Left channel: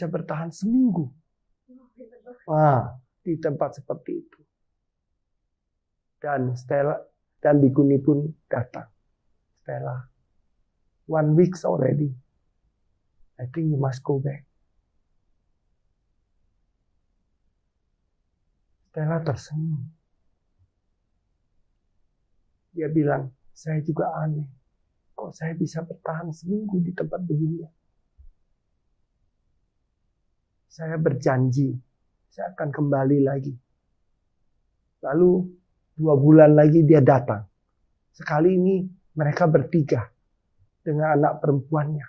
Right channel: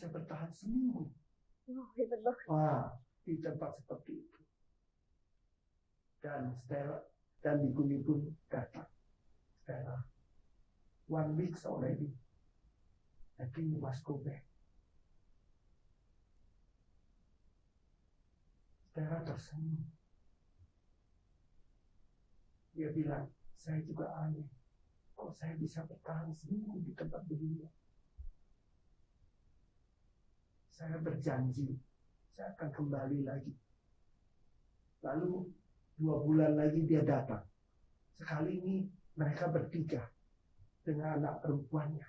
bisa bertahan seminggu. Hebat banget. Di tempat seperti itu. Dan Stella dan Bikuni pun datang. Stella, 1 week already. I think you must go back. Stella tersenyum. Dia bilang, saya juga aneh. Kok saya bisa bertahan seminggu di tempat begini? Saya berjanji, saya akan kembali lagi. Lalu 2 bulan lagi dia datang. Sekali ini mereka bertiga dengan anak perempuannya.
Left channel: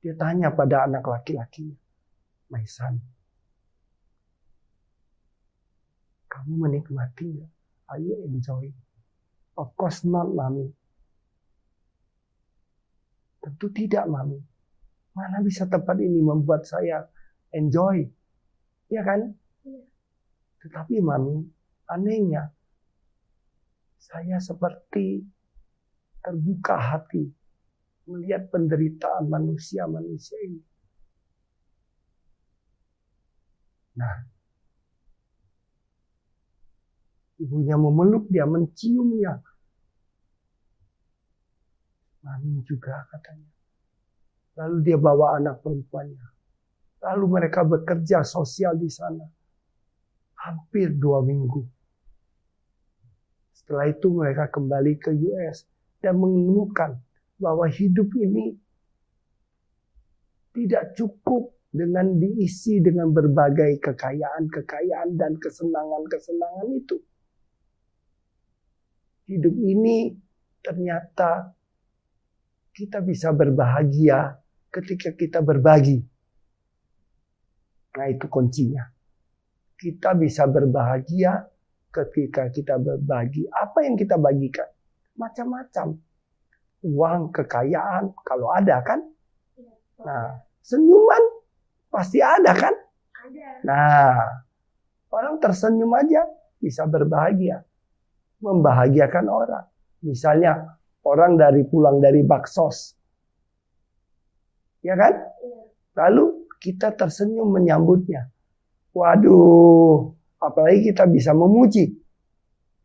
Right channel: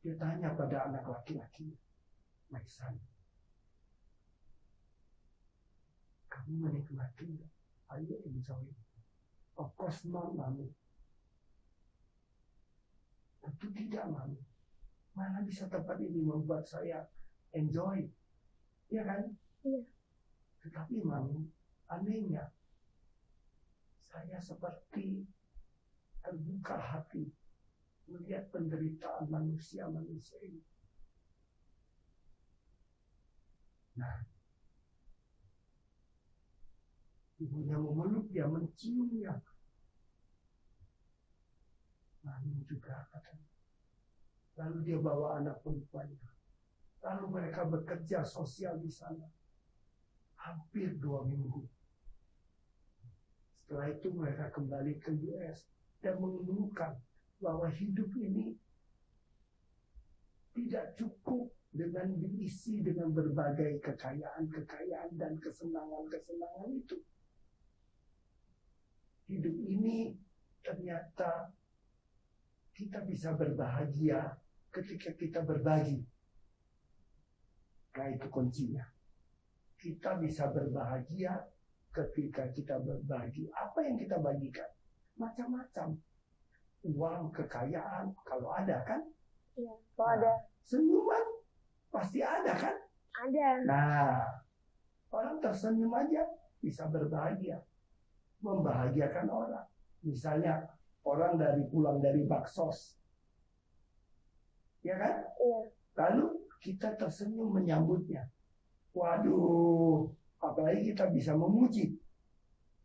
Dia tanya pada anak laki-lakinya, "My son, kamu menikmati ya? Are you enjoying?" "Of course not, Mami." "Tentu tidak, Mami. Mana bisa tempat ini membuat saya enjoy?" Ya kan? Iya. Tetapi Mami, anehnya, saya seperti terbuka hati melihat penderitaan manusia-manusia ini. Nah, ibunya memeluk dia, menciumnya. Mami juga katanya. Lalu dia bawa anak perempuannya. Lalu mereka bekerja sosial di sana. Hampir 2 minggu. Setelah itu mereka kembali ke US dan menemukan bahwa hidup ini tidak cukup dengan diisi dengan berbagai kekayaan-kekayaan dan kesenangan-kesenangan itu. Hidup ini ternyata kita bisa berbahagia ketika kita berbagi. Nah, itu kuncinya. Kita bisa berbahagia ketika kita berbagi. Apa yang kita bagikan? Macam-macam. Uang, kekayaan, kalau ada kan? Iya, kalau ada. Senyuman pasti ada kan? Ada. Nah, orang tersenyum aja bisa berbahagia. Membahagiakan orang. Misalnya orang pulang dari baksos. Ya kan? Iya. Lalu kita tersenyum menyambutnya. Waduh, apalagi kita bisa memuji.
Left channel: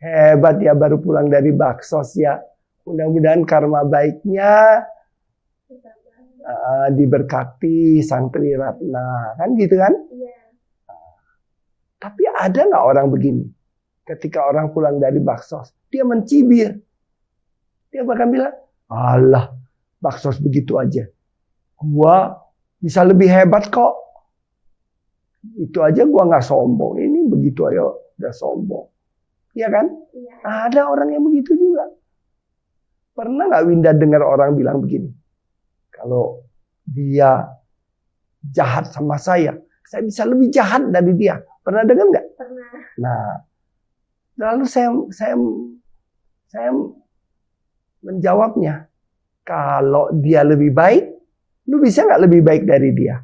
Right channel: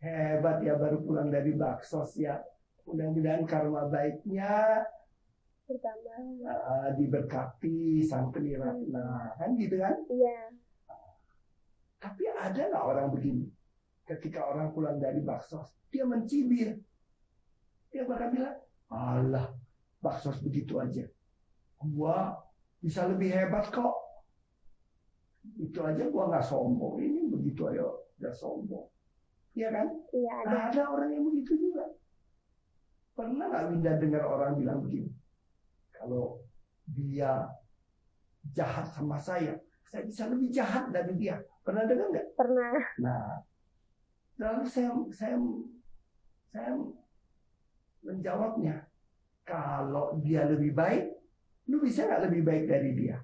Hebat ya, baru pulang dari baksos ya. Mudah-mudahan karma baiknya diberkati Sang Tri Ratna. Kan gitu kan? Iya. Tapi ada nggak orang begini? Ketika orang pulang dari baksos, dia mencibir. Dia bahkan bilang, "Alah, baksos begitu aja. Gua bisa lebih hebat kok. Itu aja gua nggak sombong. Ini begitu aja udah sombong." Iya kan? Iya. Ada orang yang begitu juga. Pernah nggak Winda dengar orang bilang begini? Kalau dia jahat sama saya bisa lebih jahat dari dia. Pernah dengar nggak? Pernah. Nah, lalu saya menjawabnya, kalau dia lebih baik, lu bisa nggak lebih baik dari dia?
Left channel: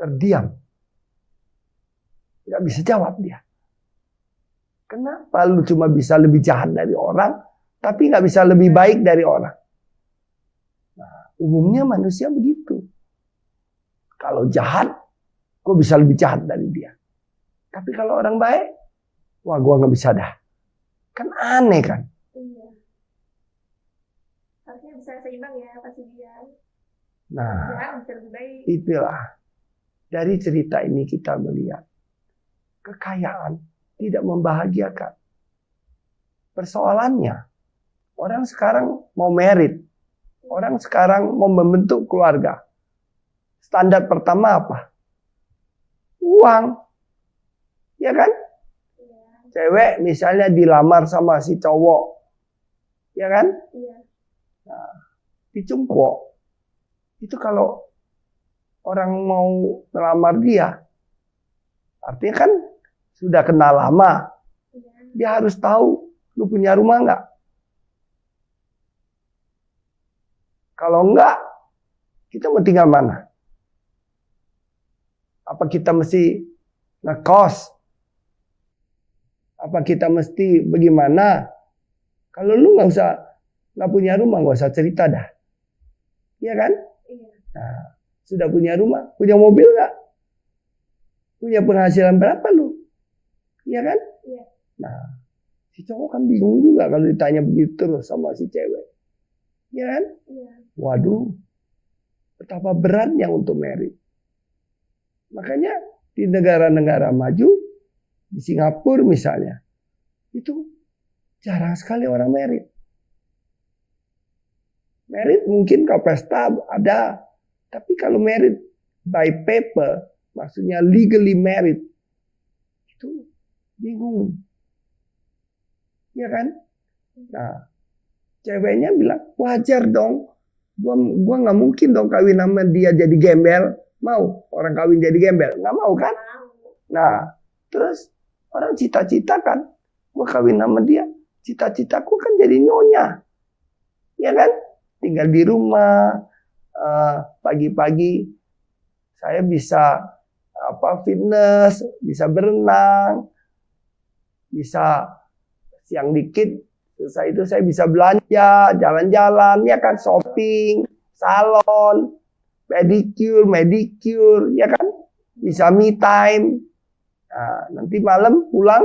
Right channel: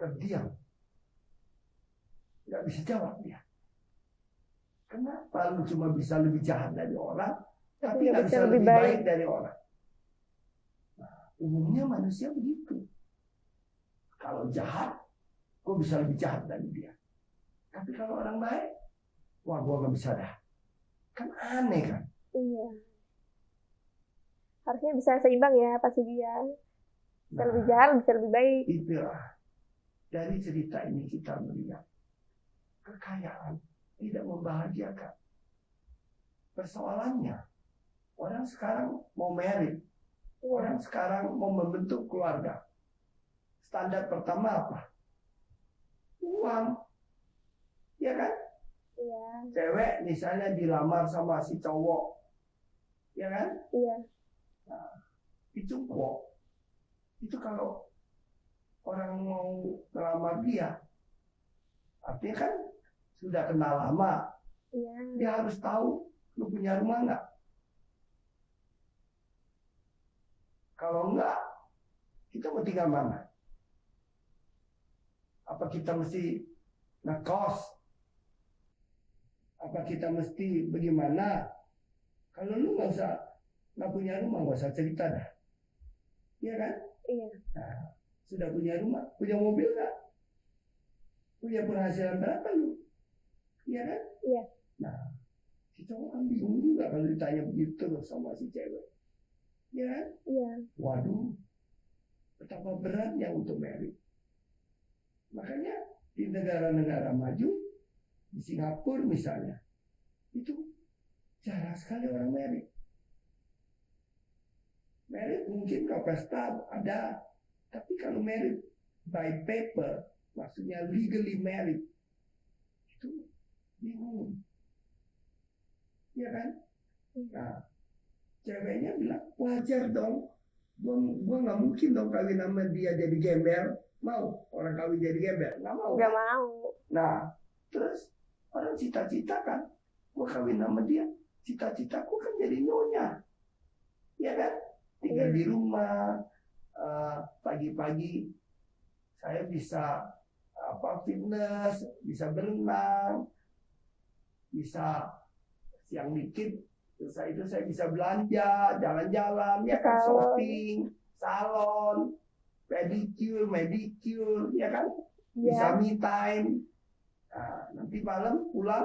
Terdiam. Nggak bisa jawab dia. Kenapa lu cuma bisa lebih jahat dari orang, tapi nggak bisa lebih baik dari orang? Nah, umumnya manusia begitu. Kalau jahat, gue bisa lebih jahat dari dia. Tapi kalau orang baik, wah gue nggak bisa dah. Kan aneh kan? Iya. Harusnya bisa seimbang ya Pak Sugian. Nah, lebih jahat bisa lebih baik. Itulah. Dari cerita ini kita melihat kekayaan tidak membahagiakan. Persoalannya, orang sekarang mau merit. Orang sekarang mau membentuk keluarga. Standar pertama apa? Uang. Ya kan? Iya. Cewek misalnya dilamar sama si cowok. Ya kan? Iya. Nah, dicungkok. Itu kalau orang mau melamar dia, artinya kan sudah kenal lama. Iya. Dia harus tahu, lu punya rumah nggak? Kalau enggak, kita mau tinggal mana? Apa kita mesti ngekos? Apa kita mesti bagaimana? Kalau lu nggak punya rumah, nggak usah cerita dah. Iya kan? Iya. Nah, Sudah punya rumah, punya mobil nggak? Punya penghasilan berapa lu? Iya kan? Iya. Nah, si cowok kan bingung juga kalau ditanya begitu terus sama si cewek. Iya kan? Iya. Waduh, betapa beratnya untuk merit. Makanya di negara-negara maju, di Singapura misalnya, itu jarang sekali orang merit. Merit mungkin kalau pesta ada, tapi kalau merit by paper, maksudnya legally married, itu bingung. Ya kan? Nah, ceweknya bilang, wajar dong. Gua nggak mungkin dong kawin sama dia jadi gembel. Mau orang kawin jadi gembel? Nggak mau kan? Nggak mau. Nah, terus orang cita-cita kan, gua kawin sama dia. Cita-citaku kan jadi nyonya. Ya kan? Tinggal di rumah, pagi-pagi saya bisa fitness, bisa berenang, bisa siang dikit, selesai itu saya bisa belanja, jalan-jalan, ya kan, shopping, salon, pedicure, ya kan, bisa me time. Nah, nanti malam pulang,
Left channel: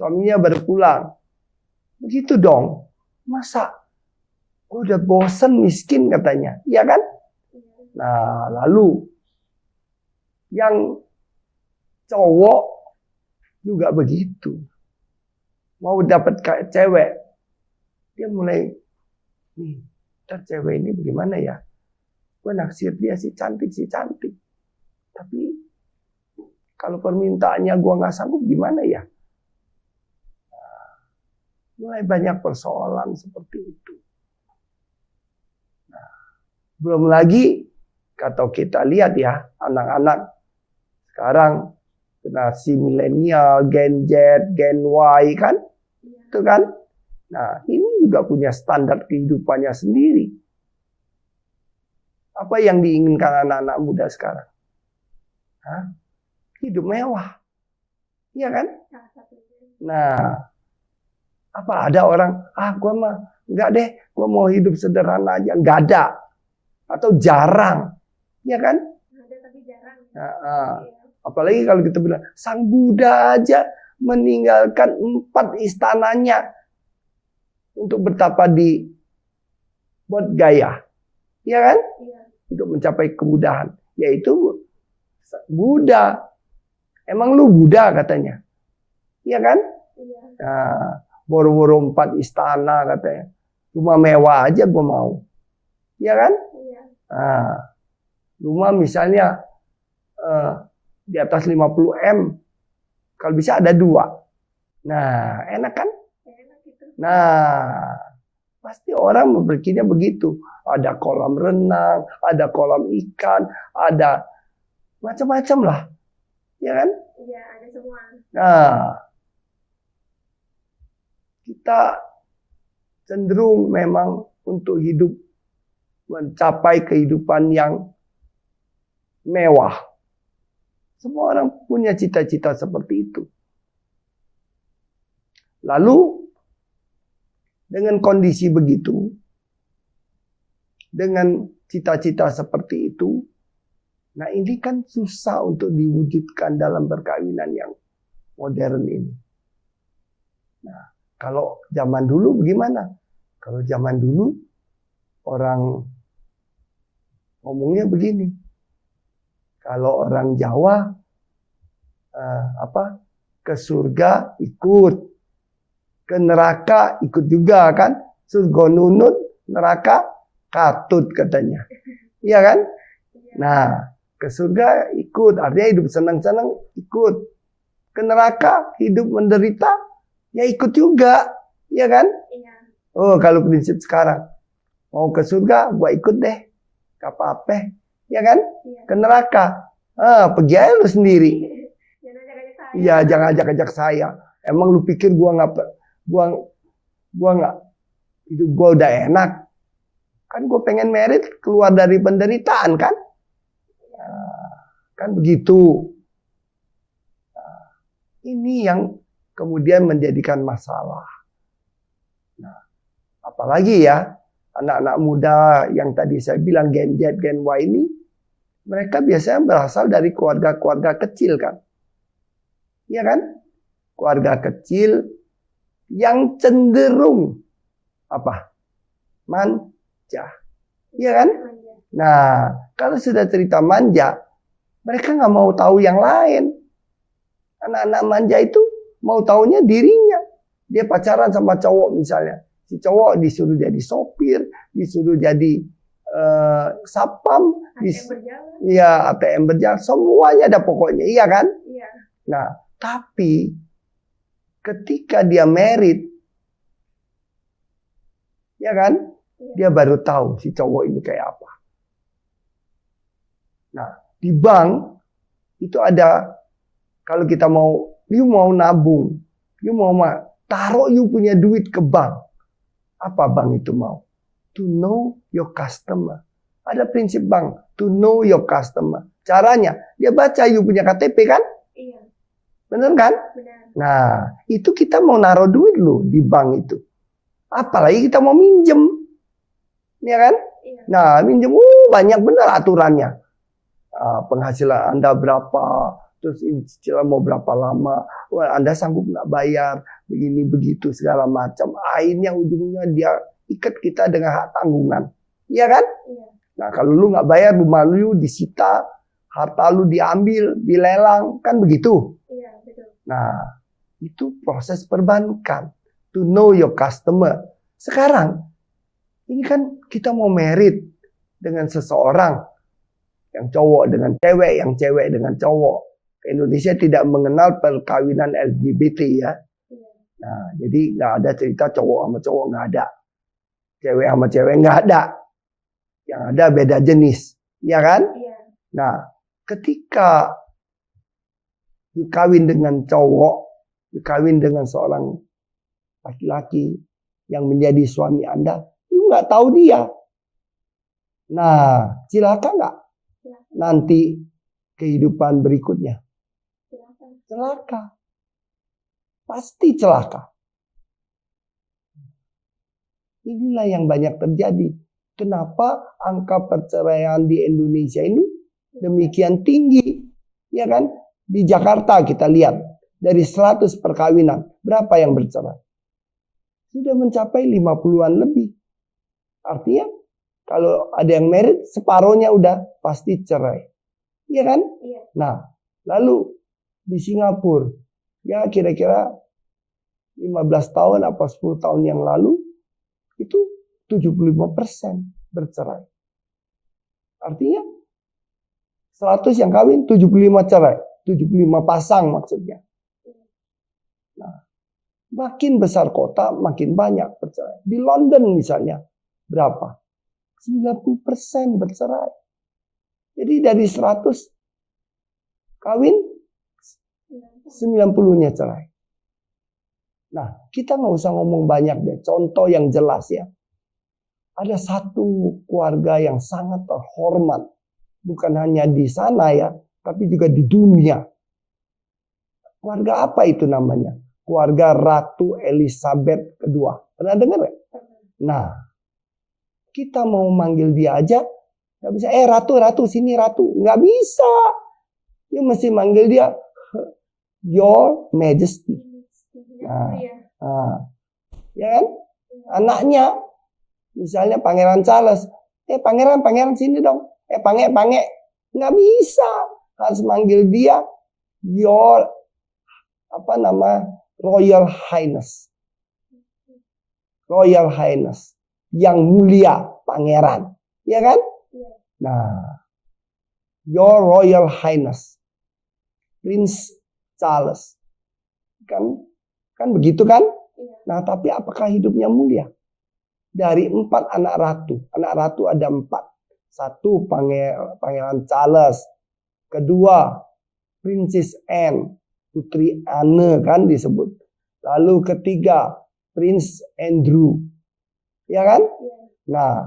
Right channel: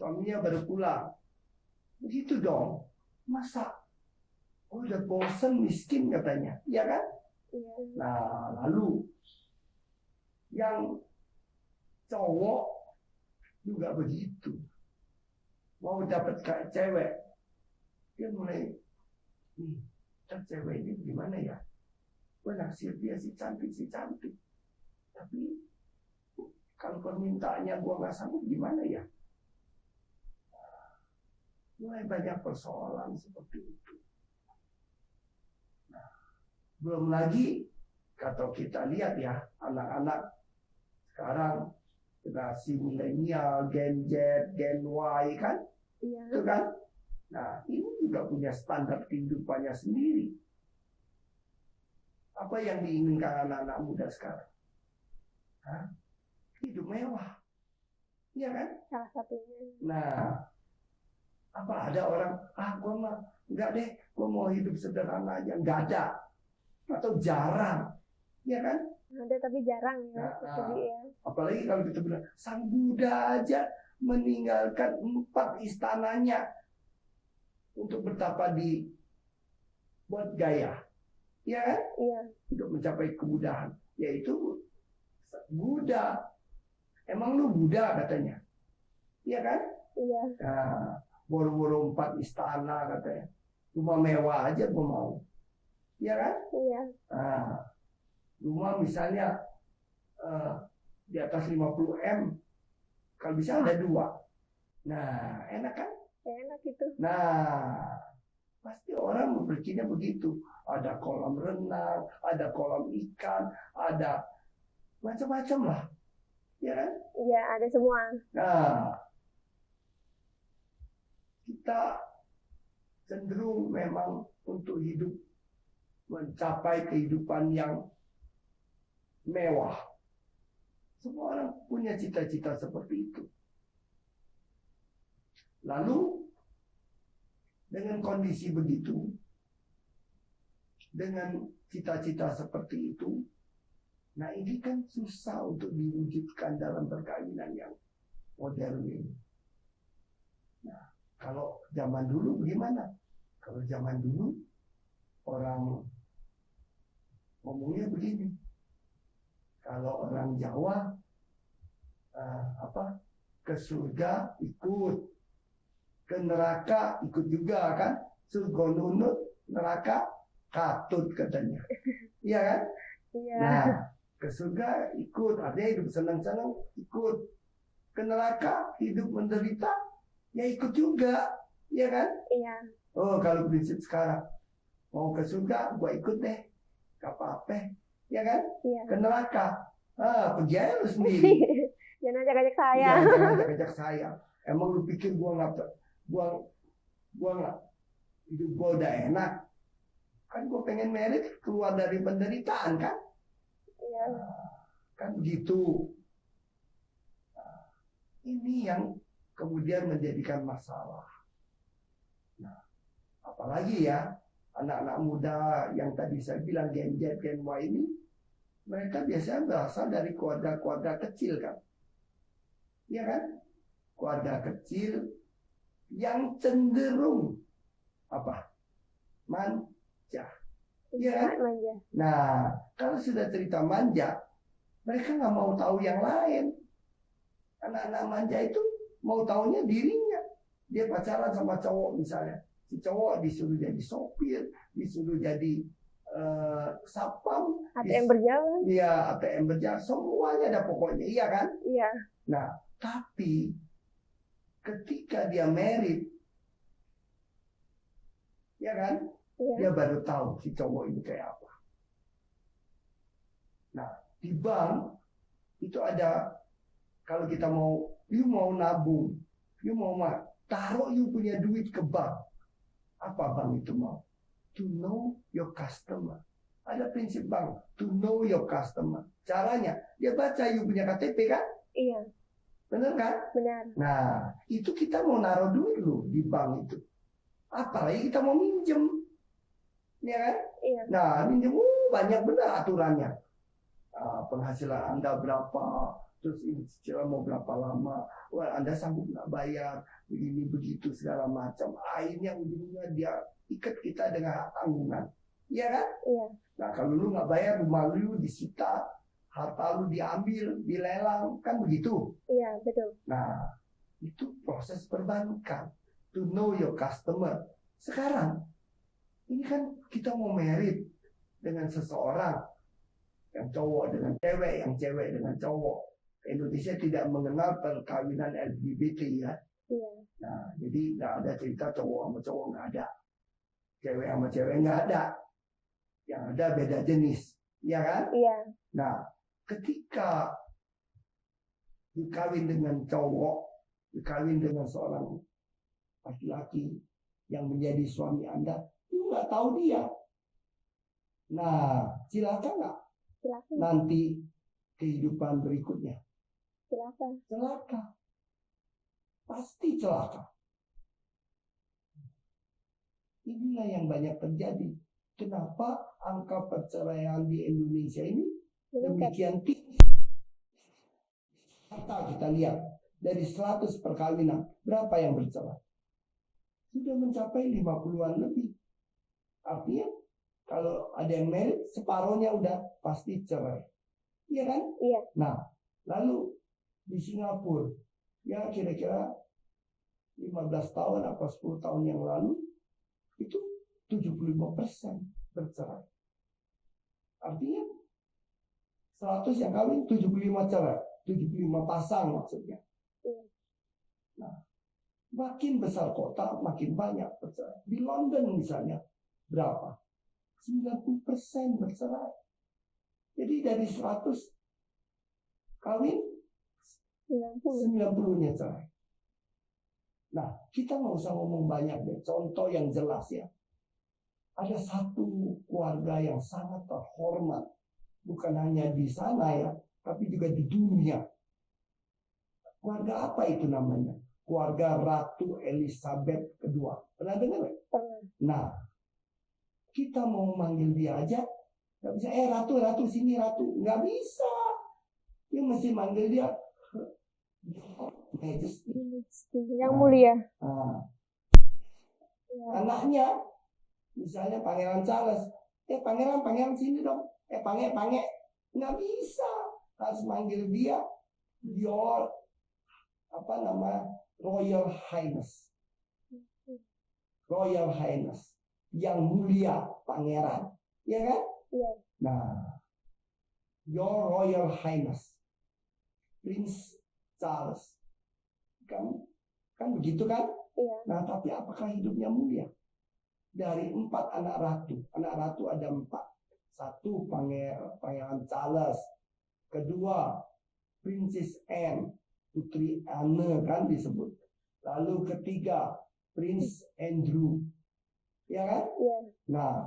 suaminya baru pulang. Begitu dong, masa udah bosen miskin katanya, ya kan? Nah, lalu yang cowok juga begitu. Mau dapat cewek, dia mulai, nih, cewek ini bagaimana ya? Gue naksir dia si cantik. Tapi kalau permintaannya gue nggak sanggup gimana ya? Nah, mulai banyak persoalan seperti itu. Nah, belum lagi kalau kita lihat ya, anak-anak sekarang generasi milenial, Gen Z, Gen Y kan? Itu kan? Nah, ini juga punya standar kehidupannya sendiri. Apa yang diinginkan anak-anak muda sekarang? Hah? Hidup mewah. Iya kan? Salah satunya. Nah, apa ada orang, gua mah enggak deh, gua mau hidup sederhana aja. Enggak ada. Atau jarang. Iya kan? Ada tapi jarang ya. Nah, apalagi kalau kita bilang, Sang Buddha aja meninggalkan 4 istananya untuk bertapa di Bodh Gaya. Iya kan? Iya. Untuk mencapai kemudahan. Yaitu Buddha. Emang lu Buddha katanya. Iya kan? Iya. Nah, boro-boro 4 istana katanya. Rumah mewah aja gue mau. Iya kan? Iya. Nah, rumah misalnya di atas 50 M. Kalau bisa ada 2. Nah, enak kan? Enak itu. Nah, pasti orang berpikirnya begitu. Ada kolam renang, ada kolam ikan, ada macam-macam lah. Ya kan? Iya, ada semua. Nah, kita cenderung memang untuk hidup mencapai kehidupan yang mewah. Semua orang punya cita-cita seperti itu. Lalu, dengan kondisi begitu, dengan cita-cita seperti itu, nah ini kan susah untuk diwujudkan dalam perkawinan yang modern ini. Nah, kalau zaman dulu bagaimana? Kalau zaman dulu, orang ngomongnya begini. Kalau orang Jawa ke surga ikut, ke neraka ikut juga kan? Surga nunut, neraka katut katanya. Iya kan? Iya. Nah, ke surga ikut, artinya hidup senang-senang ikut. Ke neraka hidup menderita, ya ikut juga. Iya kan? Iya. Oh, kalau prinsip sekarang mau ke surga, gua ikut deh. Gak apa-apa. Ya kan? Iya. Ke neraka. Pergi aja lu sendiri. Jangan ajak-ajak saya. Iya, jangan ajak-ajak saya. Emang lu pikir gua nggak hidup gua udah enak? Kan gua pengen merit keluar dari penderitaan kan? Iya. Kan begitu. Nah, ini yang kemudian menjadikan masalah. Nah, apalagi ya anak-anak muda yang tadi saya bilang Gen Z, Gen Y ini mereka biasanya berasal dari keluarga-keluarga kecil kan. Iya kan? Keluarga kecil yang cenderung apa? Manja. Iya kan? Manja. Nah, kalau sudah cerita manja, mereka nggak mau tahu yang lain. Anak-anak manja itu mau taunya dirinya. Dia pacaran sama cowok misalnya. Si cowok disuruh jadi sopir, disuruh jadi sapam, ATM berjalan. iya ATM berjalan, semuanya ada pokoknya, iya kan? Iya. Nah, tapi ketika dia married, ya kan? Iya. Dia baru tahu si cowok ini kayak apa. Nah, di bank itu ada, kalau kita mau, you mau nabung, you mau taruh you punya duit ke bank. Apa bank itu mau? To know your customer. Ada prinsip bank, to know your customer. Caranya, dia baca you punya KTP kan? Iya. Bener kan? Benar. Nah, itu kita mau naruh duit loh di bank itu. Apalagi kita mau minjem. Ya kan? Iya. Nah, minjem, banyak benar aturannya. Penghasilan Anda berapa, terus ini cicilan mau berapa lama, wah, Anda sanggup nggak bayar, begini begitu segala macam. Akhirnya ujungnya dia ikat kita dengan hak tanggungan, iya kan? Iya. Nah kalau lu nggak bayar, rumah lu disita, harta lu diambil, dilelang, kan begitu. Iya, betul. Nah itu proses perbankan, to know your customer. Sekarang ini kan kita mau married dengan seseorang, yang cowok dengan cewek, yang cewek dengan cowok. Indonesia tidak mengenal perkawinan LGBT ya. Iya. Nah, jadi nggak ada cerita cowok sama cowok, nggak ada. Cewek sama cewek nggak ada. Yang ada beda jenis, ya kan? Iya. Nah, ketika dikawin dengan cowok, dikawin dengan seorang laki-laki yang menjadi suami Anda, you nggak tahu dia. Nah, celaka nggak? Silakan. Nanti kehidupan berikutnya. Silakan. Celaka. Pasti celaka. Inilah yang banyak terjadi. Kenapa angka perceraian di Indonesia ini demikian tinggi? Ya kan? Di Jakarta kita lihat, dari 100 perkawinan, berapa yang bercerai? Sudah mencapai 50-an lebih. Artinya, kalau ada yang married, separohnya udah pasti cerai. Iya kan? Iya. Nah, lalu di Singapura, ya kira-kira 15 tahun apa 10 tahun yang lalu, itu 75% bercerai. Artinya 100 yang kawin, 75 cerai. 75 pasang maksudnya. Nah, makin besar kota, makin banyak bercerai. Di London misalnya, berapa? 90% bercerai. Jadi dari 100 kawin, 90-nya cerai. Nah, kita nggak usah ngomong banyak deh. Contoh yang jelas ya. Ada satu keluarga yang sangat terhormat. Bukan hanya di sana ya, tapi juga di dunia. Keluarga apa itu namanya? Keluarga Ratu Elizabeth II. Pernah dengar nggak? Nah, kita mau manggil dia aja, nggak bisa. Ratu, Ratu, sini Ratu. Nggak bisa. Dia mesti manggil dia Your Majesty. Yang mulia. Nah, ya kan? Anaknya, misalnya Pangeran Charles, pangeran sini dong. Pange, nggak bisa. Harus manggil dia Your Royal Highness. Royal Highness. Yang mulia, pangeran. Ya kan? Iya. Nah, Your Royal Highness. Prince Charles. Kan begitu kan? Iya. Nah, tapi apakah hidupnya mulia? Dari 4 anak ratu. Anak ratu ada 4. 1, Pangeran Charles. Kedua, Princess Anne. Putri Anne kan disebut. Lalu ketiga, Prince Andrew. Ya kan? Iya. Nah,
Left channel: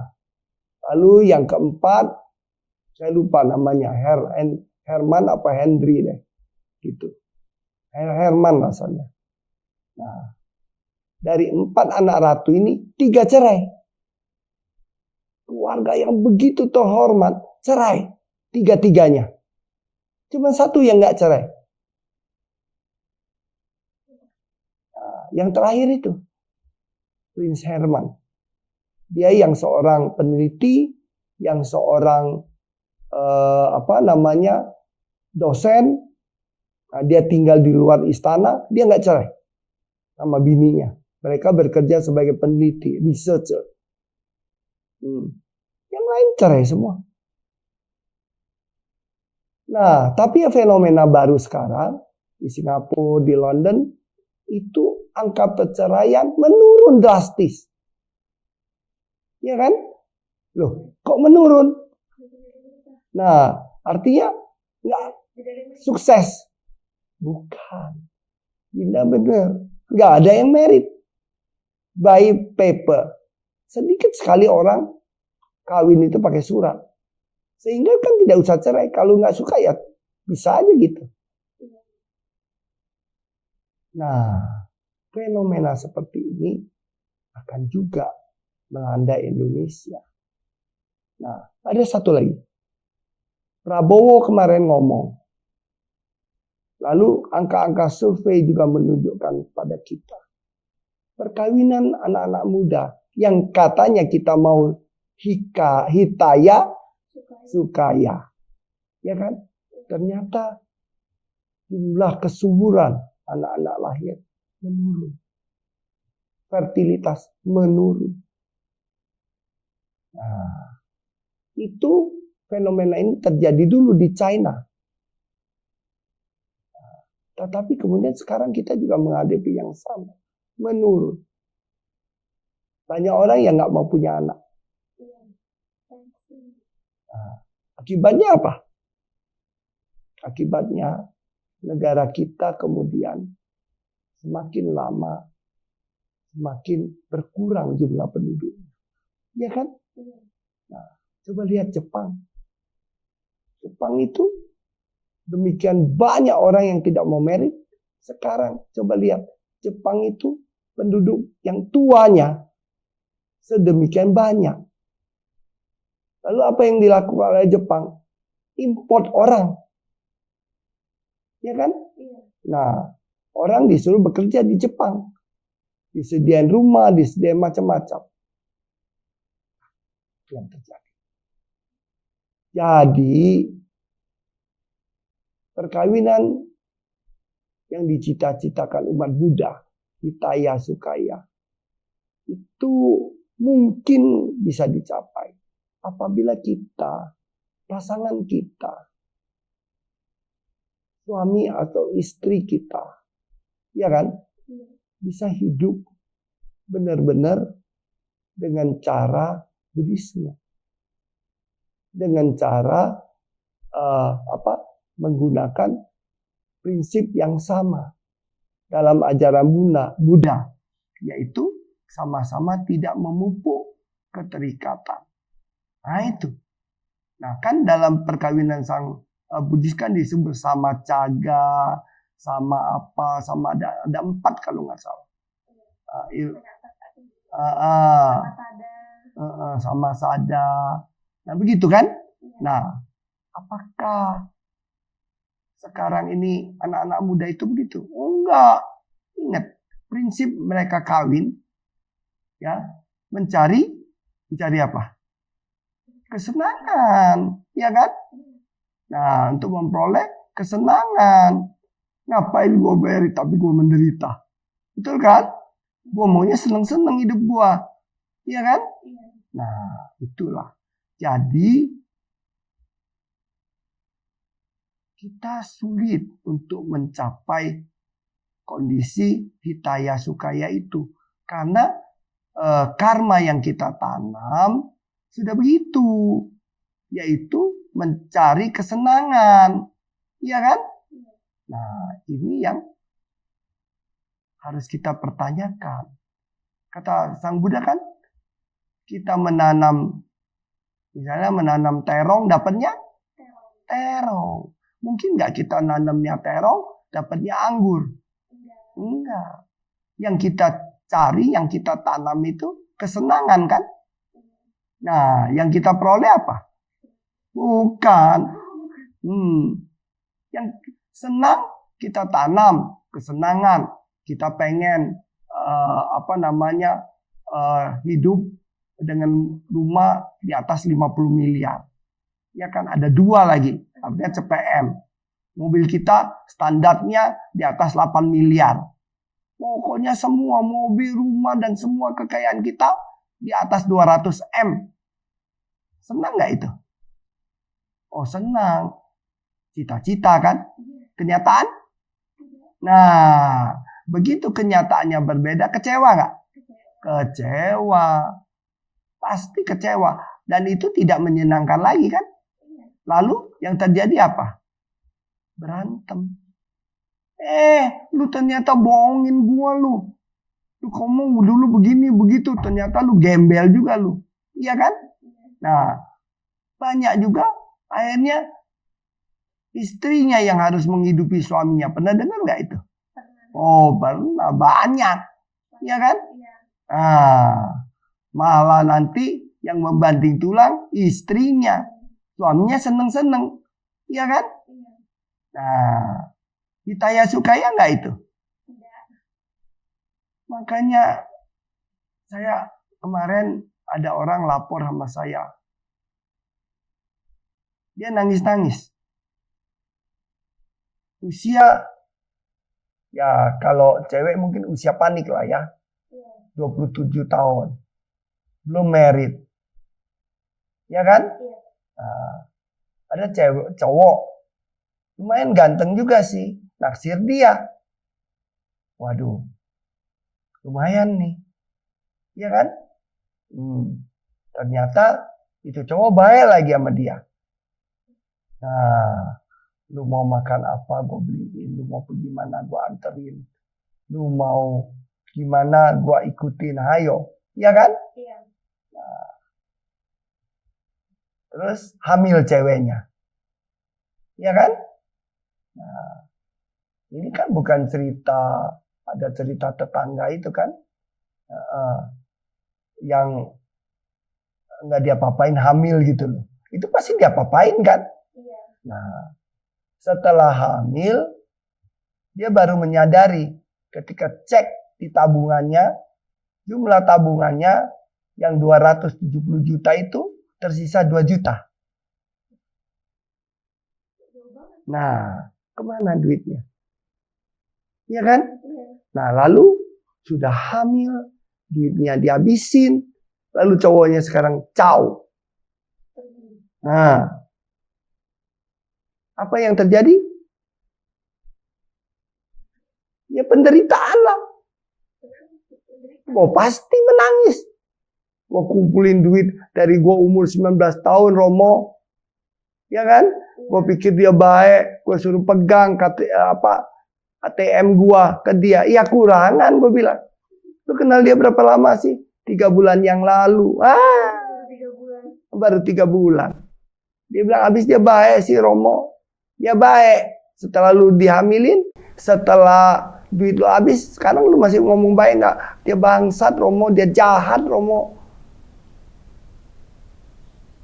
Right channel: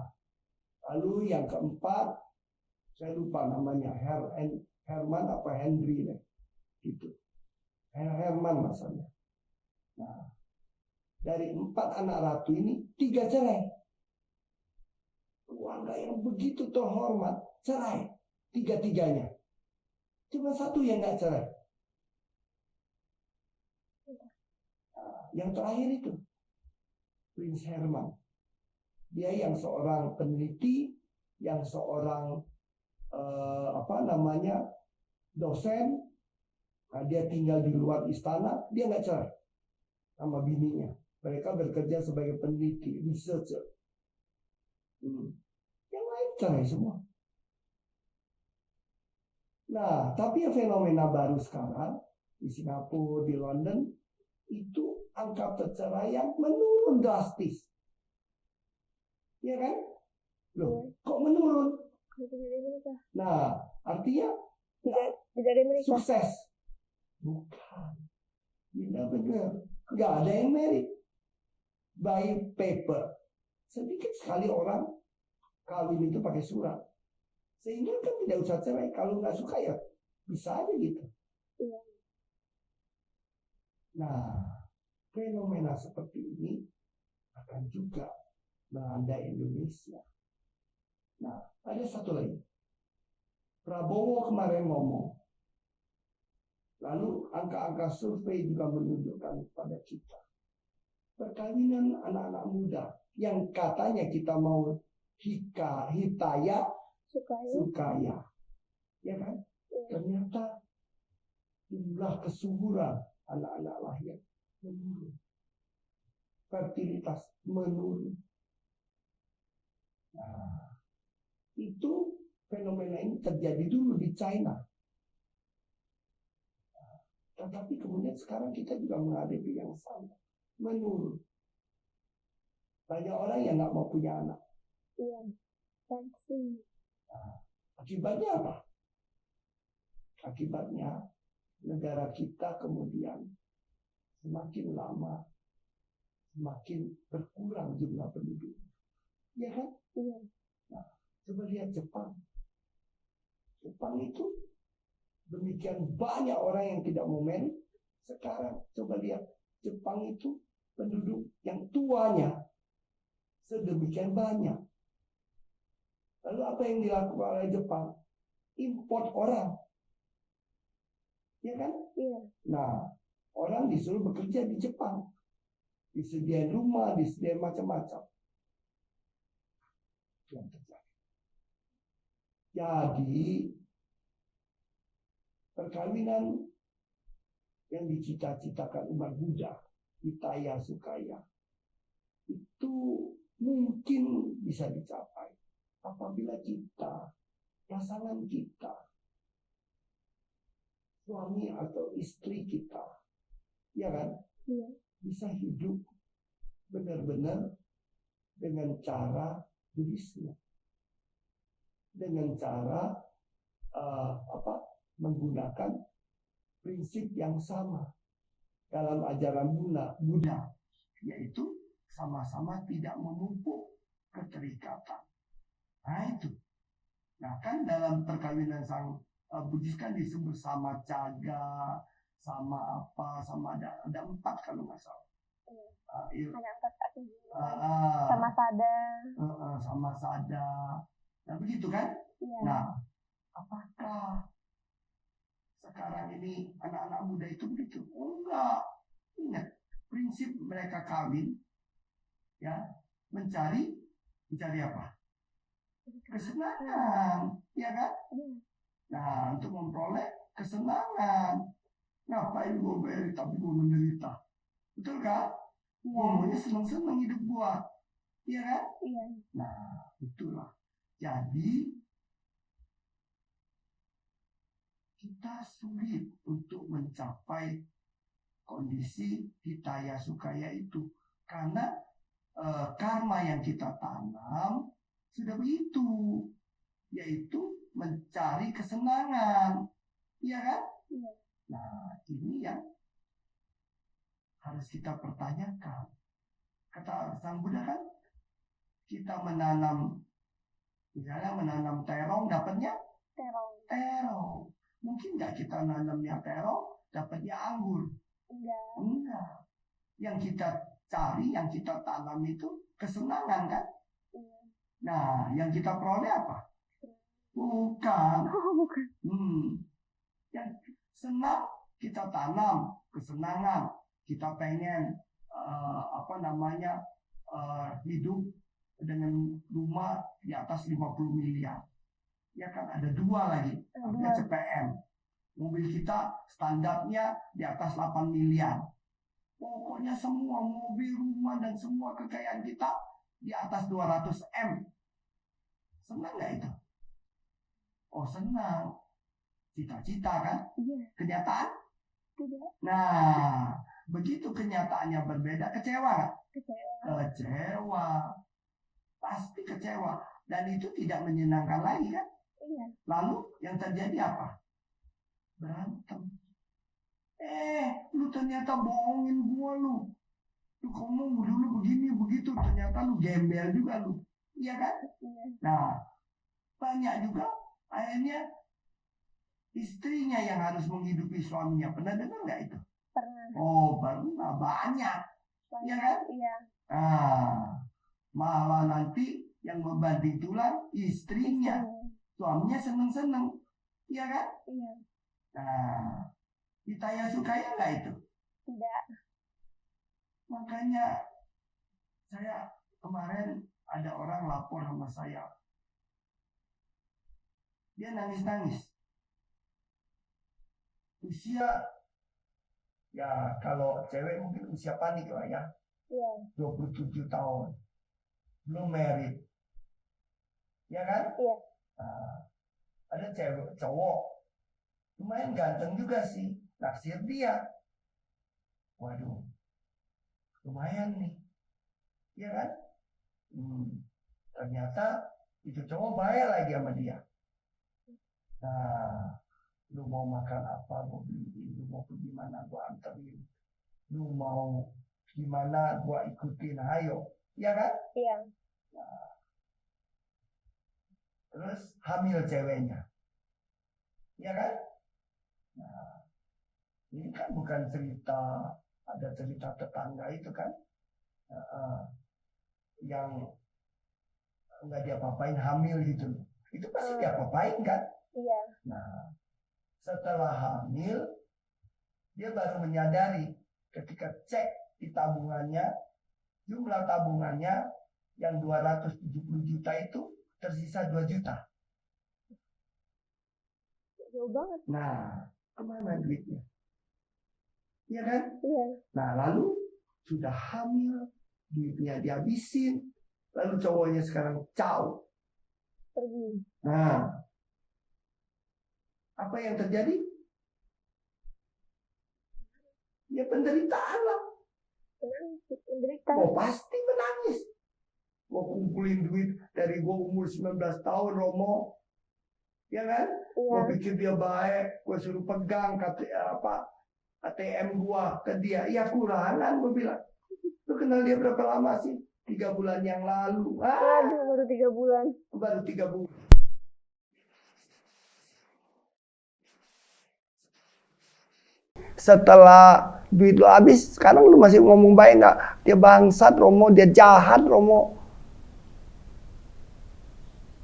lalu yang keempat, saya lupa namanya. Herman apa Henry deh. Gitu. Herman rasanya. Nah, dari 4 anak ratu ini 3 cerai. Keluarga yang begitu terhormat cerai. tiga-tiganya. Cuma satu yang nggak cerai. Nah, yang terakhir itu Prince Herman. Dia yang seorang peneliti, yang seorang dosen. Nah, dia tinggal di luar istana, dia nggak cerai sama bininya. Mereka bekerja sebagai peneliti, researcher. Yang lain cerai semua. Nah, tapi fenomena baru sekarang di Singapura, di London, itu angka perceraian menurun drastis. Ya kan? Loh, kok menurun? Nah, artinya nggak sukses. Bukan. Tidak benar. Nggak ada yang merit. By paper. Sedikit sekali orang kawin itu pakai surat. Sehingga kan tidak usah cerai. Kalau nggak suka ya bisa aja gitu. Nah, fenomena seperti ini akan juga melanda Indonesia. Nah, ada satu lagi. Prabowo kemarin ngomong. Lalu angka-angka survei juga menunjukkan pada kita. Perkawinan anak-anak muda yang katanya kita mau hitaya, sukaya. Ya kan? Ternyata jumlah kesuburan anak-anak lahir menurun. Fertilitas menurun. Nah, itu fenomena ini terjadi dulu di China. Tetapi kemudian sekarang kita juga menghadapi yang sama. Menurun. Banyak orang yang nggak mau punya anak. Nah, akibatnya apa? Akibatnya negara kita kemudian semakin lama semakin berkurang jumlah penduduk. Ya kan? Nah, coba lihat Jepang. Jepang itu demikian banyak orang yang tidak mau merit. Sekarang coba lihat Jepang itu penduduk yang tuanya sedemikian banyak. Lalu apa yang dilakukan oleh Jepang? Import orang. Ya kan? Nah, orang disuruh bekerja di Jepang. Disediain rumah, disediain macam-macam. Yang terjadi. Jadi, perkawinan yang dicita-citakan umat Buddha, hitaya sukaya, itu mungkin bisa dicapai apabila kita, pasangan kita, suami atau istri kita, ya kan, bisa hidup benar-benar dengan cara Buddhisme, dengan cara menggunakan prinsip yang sama dalam ajaran Buddha, yaitu sama-sama tidak memupuk keterikatan. Nah itu. Nah kan dalam perkawinan sang Buddhis kan disebut sama caga, sama apa, sama ada 4 kalau nggak salah. Sama sada. Nah begitu kan? Nah apakah sekarang ini anak-anak muda itu begitu? Oh, enggak. Ingat, prinsip mereka kawin ya, mencari apa? Kesenangan, ya kan? Nah, untuk memperoleh kesenangan. Ngapain gue beri tapi gue menderita? Betul kan? Gue maunya seneng-seneng hidup gue. Iya kan? Nah, itulah. Jadi kita sulit untuk mencapai kondisi hitaya sukaya itu. Karena karma yang kita tanam sudah begitu. Yaitu mencari kesenangan. Iya kan? Nah, ini yang harus kita pertanyakan. Kata Sang Buddha kan, kita menanam, misalnya menanam terong, dapatnya terong. Mungkin nggak kita nanamnya terong, dapatnya anggur? Enggak. Yang kita cari, yang kita tanam itu kesenangan kan? Nah, yang kita peroleh apa? Bukan. Yang senang kita tanam kesenangan, kita pengen hidup dengan rumah di atas 50 miliar. Ya kan, ada 2 lagi, artinya CPM. Mobil kita standarnya di atas 8 miliar. Pokoknya semua mobil, rumah, dan semua kekayaan kita di atas 200 M. Senang nggak itu? Oh, senang. Cita-cita kan? Kenyataan? Nah, begitu kenyataannya berbeda, kecewa nggak? Kecewa. Pasti kecewa. Dan itu tidak menyenangkan lagi kan? Lalu yang terjadi apa? Berantem. Lu ternyata bohongin gua lu. Lu ngomong dulu begini begitu, ternyata lu gembel juga lu. Iya kan? Nah, banyak juga akhirnya istrinya yang harus menghidupi suaminya. Pernah dengar nggak itu? Oh, pernah, banyak. Iya kan? Nah, malah nanti yang membanting tulang istrinya. Suaminya seneng-seneng. Iya kan? Nah, Hitaya Sukaya nggak itu? Tidak. Makanya saya kemarin ada orang lapor sama saya. Dia nangis-nangis. Usia, ya kalau cewek mungkin usia panik lah ya. 27 tahun. Belum married. Ya kan? Nah, ada cowok. Lumayan ganteng juga sih. Naksir dia. Waduh. Lumayan nih. Iya kan? Ternyata itu cowok baik lagi sama dia. Nah, lu mau makan apa gue beliin. Lu mau pergi mana gue anterin. Lu mau gimana gue ikutin. Hayo. Iya kan? Iya. Nah, terus hamil ceweknya. Iya kan? Nah, ini kan bukan cerita, ada cerita tetangga itu kan, yang nggak diapa-apain hamil gitu loh. Itu pasti diapa-apain kan? Iya. Nah, setelah hamil, dia baru menyadari ketika cek di tabungannya, jumlah tabungannya yang 270 juta itu tersisa 2 juta. Jauh banget. Nah, kemana duitnya? Iya kan? Iya. Nah, lalu sudah hamil, duitnya dihabisin, lalu cowoknya sekarang caw. Pergi. Nah, apa yang terjadi? Ya penderitaan lah. Oh, pasti menangis. Gua kumpulin duit dari gua umur 19 tahun, Romo. Ya kan? Gua pikir dia baik, gua suruh pegang ATM gua ke dia. Iya, kurangan gua bilang. Lu kenal dia berapa lama sih? 3 bulan yang lalu. Baru 3 bulan. Baru 3 bulan. Dia bilang habis dia baik sih, Romo. Dia baik. Setelah lu dihamilin, setelah duit lu habis, sekarang lu masih ngomong baik nggak? Dia bangsat, Romo. Dia jahat, Romo.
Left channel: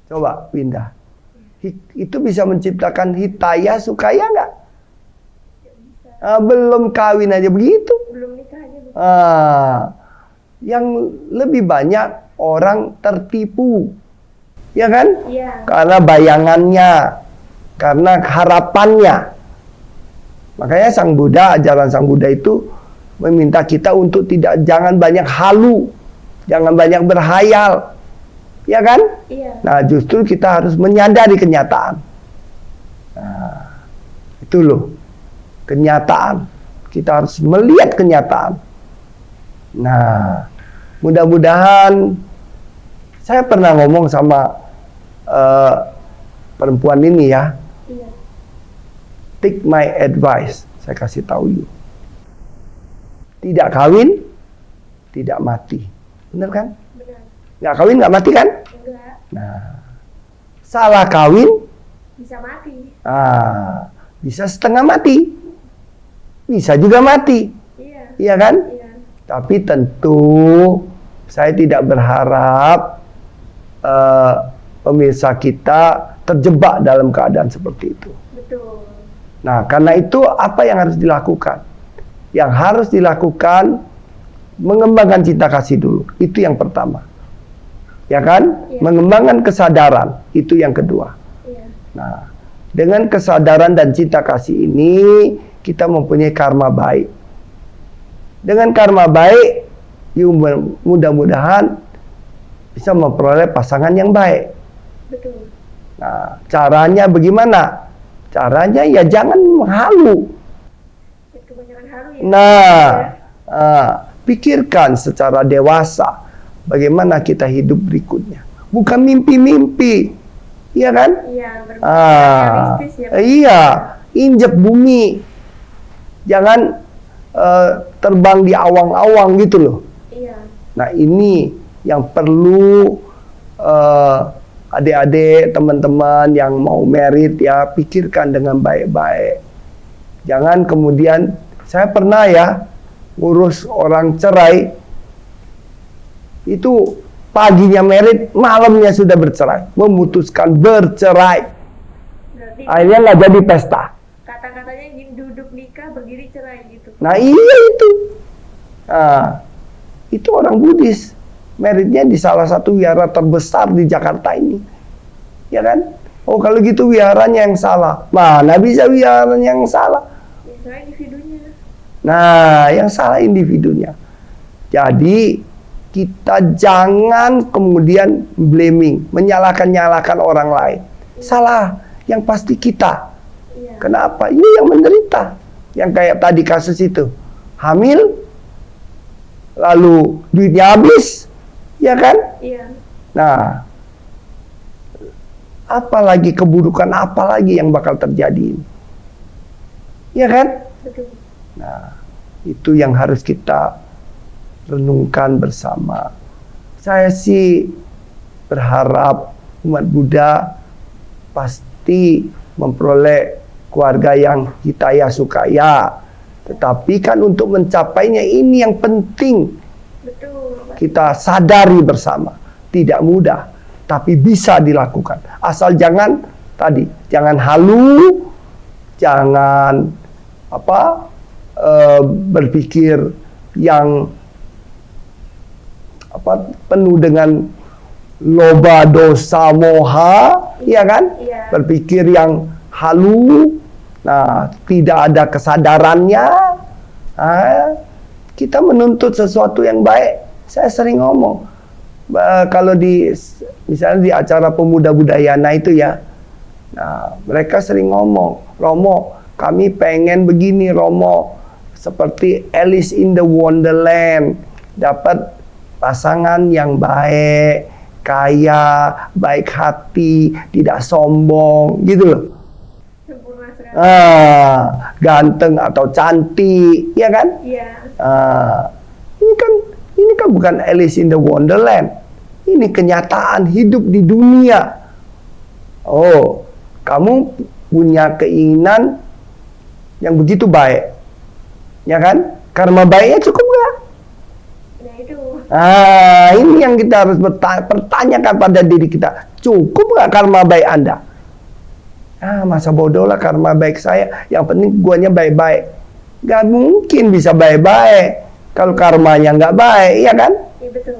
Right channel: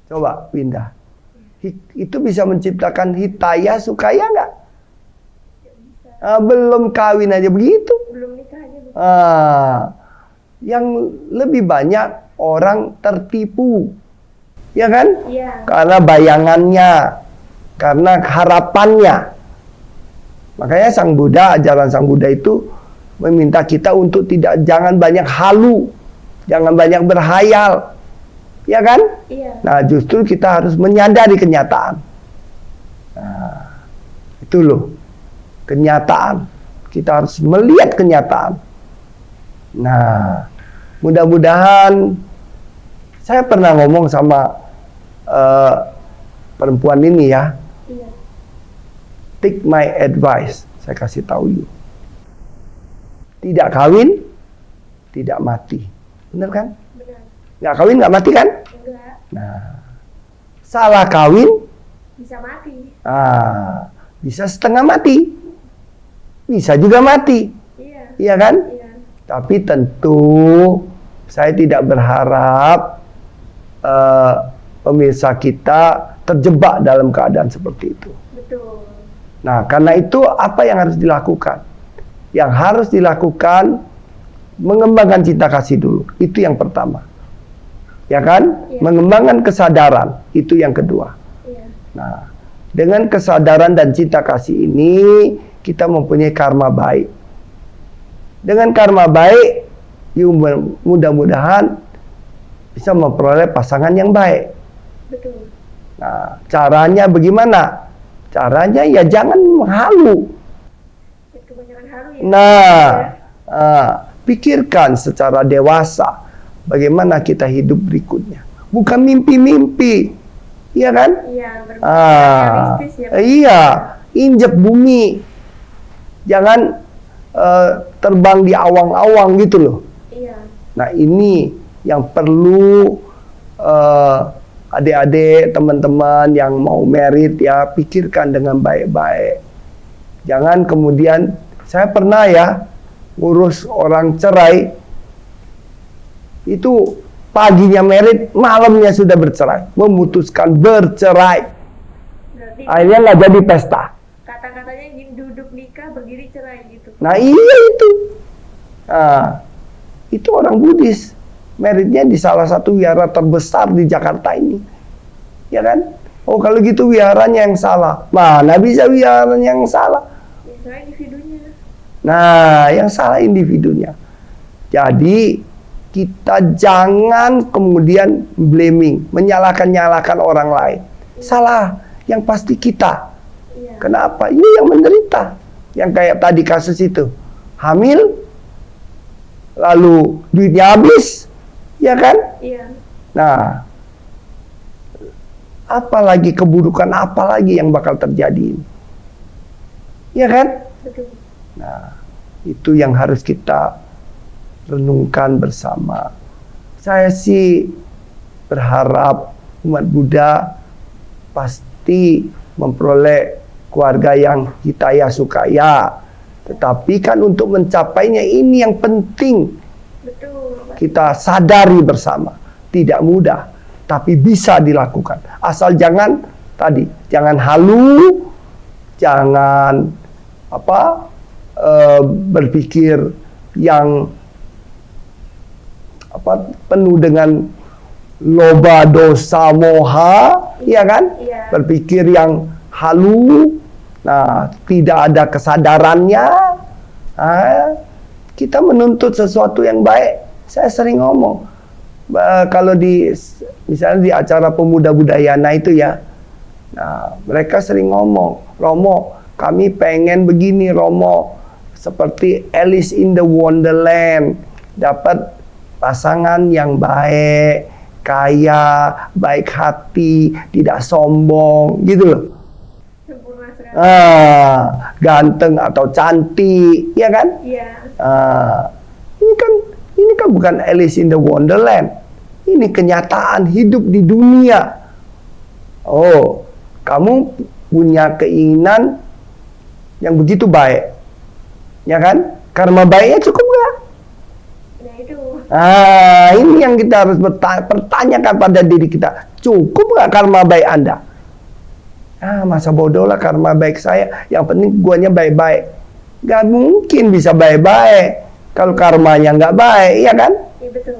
Coba pindah. Itu bisa menciptakan Hitaya Sukaya nggak? Belum kawin aja begitu. Belum nikah aja. Yang lebih banyak orang tertipu. Ya kan? Iya. Karena bayangannya, karena harapannya. Makanya Sang Buddha, ajaran Sang Buddha itu meminta kita untuk jangan banyak halu, jangan banyak berhayal. Ya kan? Iya. Nah, justru kita harus menyadari kenyataan. Nah, itu loh. Kenyataan. Kita harus melihat kenyataan. Nah, mudah-mudahan saya pernah ngomong sama perempuan ini ya. Iya. Take my advice. Saya kasih tahu you. Tidak kawin, tidak mati. Benar kan? Benar. Nggak kawin, nggak mati kan? Enggak. Nah, salah kawin, Bisa mati. bisa setengah mati. Bisa juga mati. Iya. Iya kan? Iya. Tapi tentu saya tidak berharap pemirsa kita terjebak dalam keadaan seperti itu. Betul. Betul. Nah, karena itu apa yang harus dilakukan? Yang harus dilakukan mengembangkan cinta kasih dulu. Itu yang pertama. Ya kan? Iya. Mengembangkan kesadaran. Itu yang kedua. Iya. Nah, dengan kesadaran dan cinta kasih ini kita mempunyai karma baik. Dengan karma baik, mudah-mudahan bisa memperoleh pasangan yang baik. Betul. Nah, caranya bagaimana? Caranya ya jangan menghalu. Kebanyakan halu ya. Nah, pikirkan secara dewasa bagaimana kita hidup berikutnya. Bukan mimpi-mimpi, iya kan? Iya, realistis ya. Iya, injak bumi. Jangan terbang di awang-awang gitu loh. Iya. Nah, ini yang perlu adik-adik, teman-teman yang mau merit ya, pikirkan dengan baik-baik. Jangan kemudian, saya pernah ya ngurus orang cerai, itu paginya merit, malamnya sudah bercerai, memutuskan bercerai. Berarti Akhirnya nggak jadi pesta. kata-katanya duduk nikah, berdiri cerai gitu. Nah iya itu. Nah, itu orang Buddhis. Meritnya di salah satu wihara terbesar di Jakarta ini. Ya kan? Oh kalau gitu wiharanya yang salah. Mana bisa wiharanya yang salah? Ya, salah individunya. Nah, yang salah individunya. Jadi kita jangan kemudian blaming, menyalahkan orang lain. Salah, yang pasti kita. Iya. Kenapa? Ini yang menderita. Yang kayak tadi kasus itu. Hamil, lalu duitnya habis, ya kan? Iya. Nah, apalagi keburukan, apalagi yang bakal terjadi. Ya kan? Betul. Nah, itu yang harus kita renungkan bersama. Saya sih berharap umat Buddha pasti memperoleh keluarga yang hitaya sukaya. Tetapi kan untuk mencapainya ini yang penting Betul. kita sadari bersama. Tidak mudah, tapi bisa dilakukan. Asal jangan tadi, jangan halu, jangan berpikir yang penuh dengan loba, dosa, moha, ya kan? Iya. Berpikir yang halu, nah tidak ada kesadarannya. Kita menuntut sesuatu yang baik. Saya sering ngomong, kalau misalnya di acara pemuda budayana itu ya, nah mereka sering ngomong, Romo, kami pengen begini Romo, seperti Alice in the Wonderland, dapat pasangan yang baik, kaya, baik hati, tidak sombong, gitu loh. Sempurna sekali. Ganteng atau cantik, ya kan? Iya. Ini kan bukan Alice in the Wonderland. Ini kenyataan hidup di dunia. Oh, kamu punya keinginan yang begitu baik, ya kan? Karma baiknya cukup nggak? Nah itu. Ini yang kita harus pertanyakan pada diri kita. Cukup nggak karma baik Anda? Masa bodoh lah karma baik saya. Yang penting guanya baik-baik. Gak mungkin bisa baik-baik kalau karmanya nggak baik, ya kan? Iya betul.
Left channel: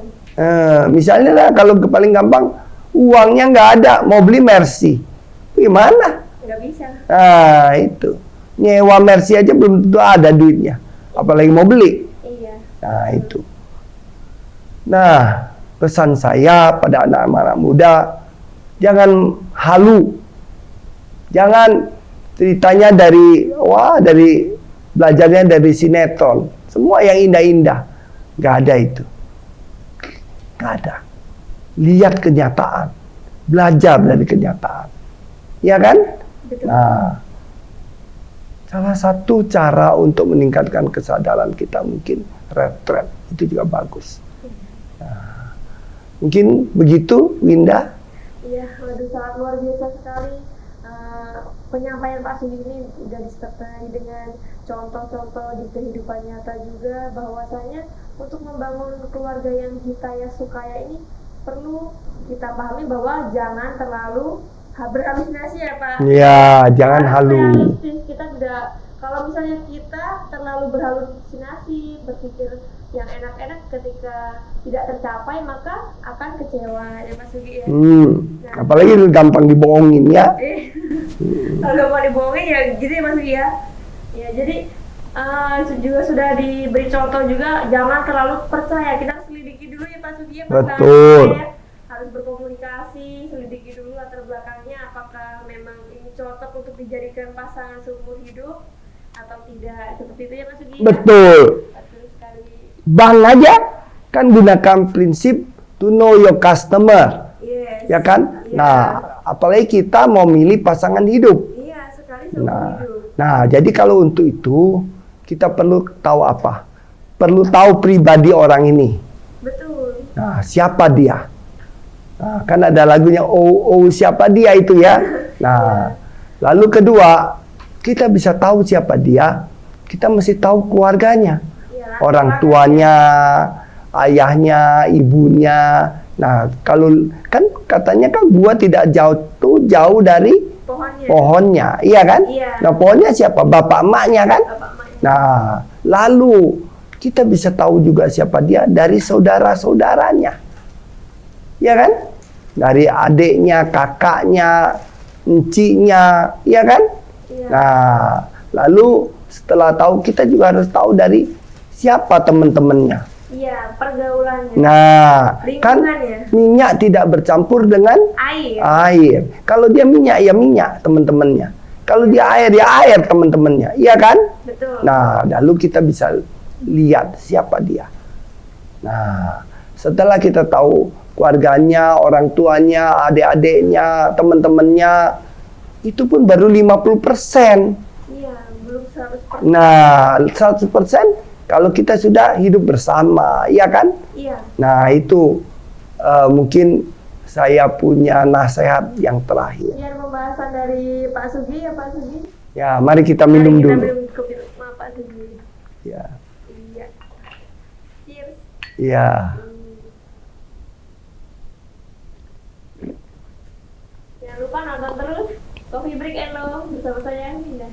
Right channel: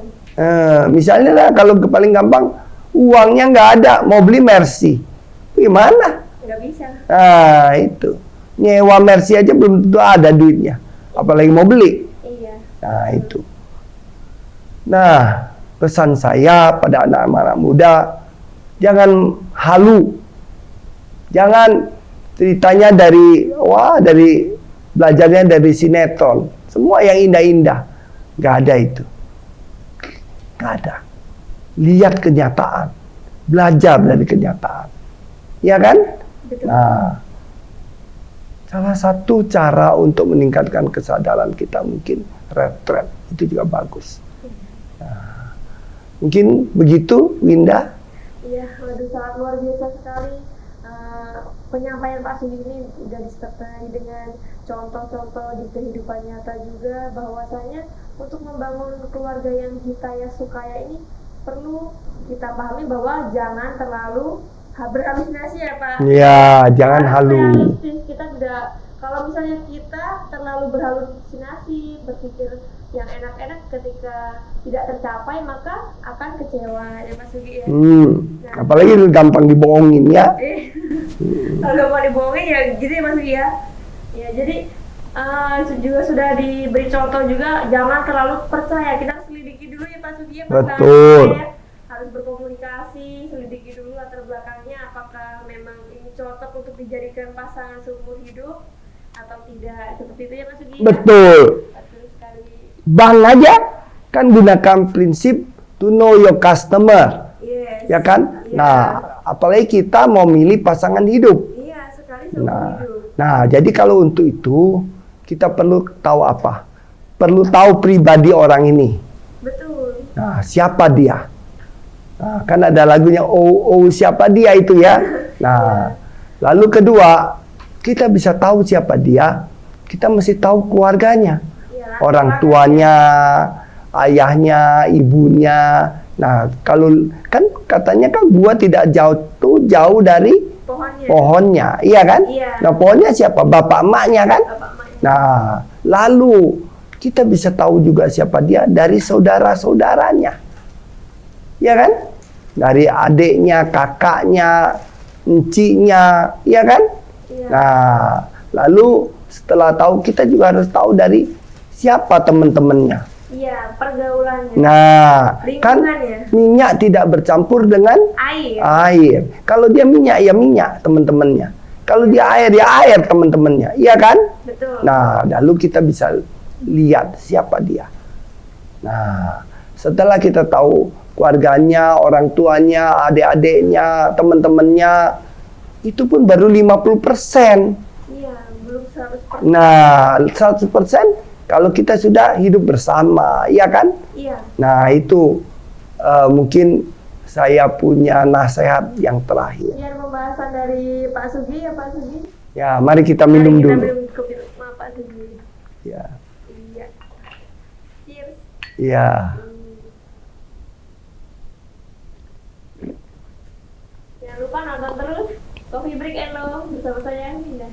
Misalnya lah, kalau paling gampang uangnya nggak ada, mau beli Mercy, gimana? Nggak bisa. Itu nyewa Mercy aja belum tentu ada duitnya, apalagi mau beli. Iya. Nah itu. Nah, pesan saya pada anak-anak muda, jangan halu. Jangan ceritanya dari belajarnya dari sinetron. Semua yang indah-indah. Gak ada itu. Gak ada. Lihat kenyataan. Belajar dari kenyataan. Ya kan? Betul. Nah, salah satu cara untuk meningkatkan kesadaran kita mungkin retret. Itu juga bagus. Mungkin begitu, Winda? Iya, waduh sangat luar biasa sekali. Penyampaian Pak Sudi ini sudah disertai dengan contoh-contoh di kehidupan nyata juga, bahwasanya untuk membangun keluarga yang hitaya sukaya ini perlu kita pahami bahwa jangan terlalu berhalusinasi ya Pak. Ya, jangan Harus halu. realistis. Kita tidak, kalau misalnya kita terlalu berhalusinasi, berpikir yang enak-enak ketika tidak tercapai, maka akan kecewa ya Mas Sugi ya. Apalagi lu gampang dibohongin ya. Kalau mau dibohongin ya gitu ya Mas Sugi ya. Ya jadi juga sudah diberi contoh juga, jangan terlalu percaya. Kita harus selidiki dulu ya Pak Sugi ya. Betul. Ya. Harus berkomunikasi, selidiki dulu latar belakangnya, apakah memang ini cocok untuk dijadikan pasangan seumur hidup atau tidak, seperti itu ya Mas Sugi. Betul. Betul sekali. Bank aja kan gunakan prinsip to know your customer. Yes. Ya kan? Iya. Nah, apalagi kita mau milih pasangan hidup. Iya, sekali seumur hidup. Nah, jadi kalau untuk itu kita perlu tahu apa? Perlu tahu pribadi orang ini. Betul. Nah, siapa dia? Nah, kan ada lagunya oh siapa dia itu ya. Nah, lalu kedua, kita bisa tahu siapa dia. Kita mesti tahu keluarganya. Iya, Orang tuanya, ayahnya, ibunya. Nah, kalau kan katanya kan buah tidak jauh dari pohonnya, iya kan? Iya. Nah, pohonnya siapa? Bapak emaknya kan? Bapak emaknya. Nah, lalu kita bisa tahu juga siapa dia dari saudara-saudaranya, iya kan? Dari adiknya, kakaknya, enciknya, iya kan? Iya. Nah, lalu setelah tahu, kita juga harus tahu dari siapa teman-temannya. Iya, pergaulannya. Nah, kan Lingkungannya. minyak tidak bercampur dengan Air. Kalau dia minyak, ya minyak teman-temannya. Kalau dia air, ya air teman-temannya. Iya kan? Betul. Nah, lalu kita bisa lihat siapa dia. Nah, setelah kita tahu keluarganya, orang tuanya, adik-adiknya, teman-temannya, itu pun baru 50%. Iya, belum 100%. Nah, 100% kalau kita sudah hidup bersama, iya kan? Iya. Nah, itu mungkin saya punya nasihat yang terakhir. Biar pembahasan dari Pak Sugi ya Pak Sugi. Ya, mari kita minum Mari kita dulu. minum kopi sama Pak Sugi. Ya. Iya. Cheers. Ya. Jangan lupa nonton terus Coffee Break and Love bersama saya Minda.